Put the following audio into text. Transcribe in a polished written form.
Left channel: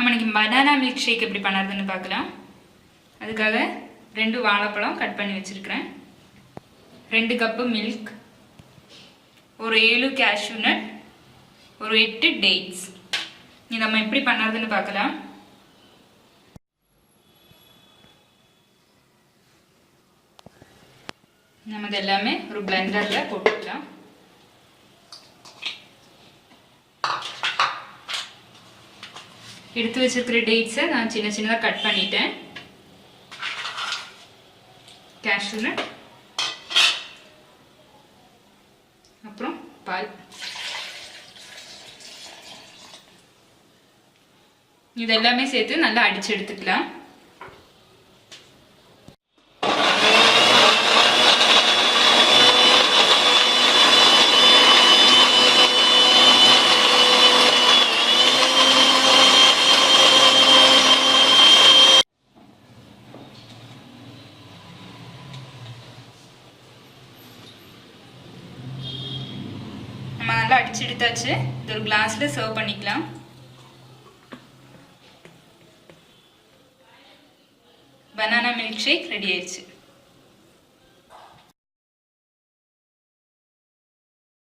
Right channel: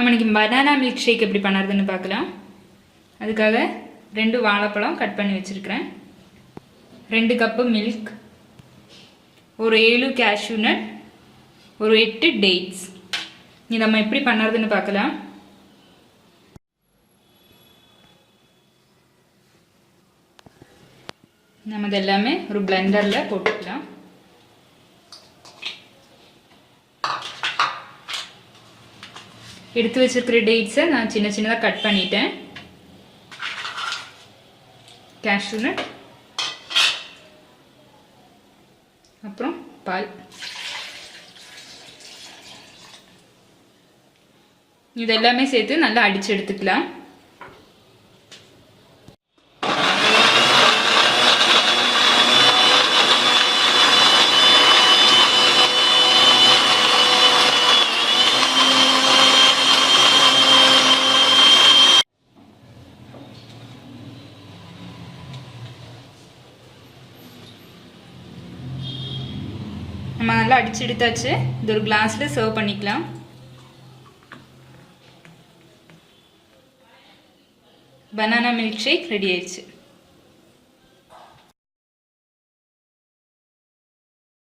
நம்ம இன்னைக்கு banana milk shake எப்படி பண்ணுறதுன்னு பார்க்கலாம். அதுக்காக 2 வாழைப்பழம் கட் பண்ணி வச்சிருக்கிறேன், 2 கப்பு மில்க், ஒரு 7 கேஷ்யூ நட், ஒரு 8 டேட்ஸ். இது நம்ம எப்படி பண்ணுறதுன்னு பார்க்கலாம். நம்ம எல்லாமே ஒரு பிளெண்டரில் போட்டுக்கலாம். எடுத்து வச்சிருக்கிற டேட்ஸை நான் சின்ன சின்னதாக கட் பண்ணிட்டேன். கேஷ்யூ நட், அப்புறம் பால். இது எல்லாமே சேர்த்து நல்லா அடிச்சு எடுத்துக்கலாம். நம்ம நல்லா அடிச்சு எடுத்தாச்சு. இது ஒரு கிளாஸ்ல சர்வ் பண்ணிக்கலாம். பனானா மில்க் ஷேக் ரெடி ஆயிடுச்சு.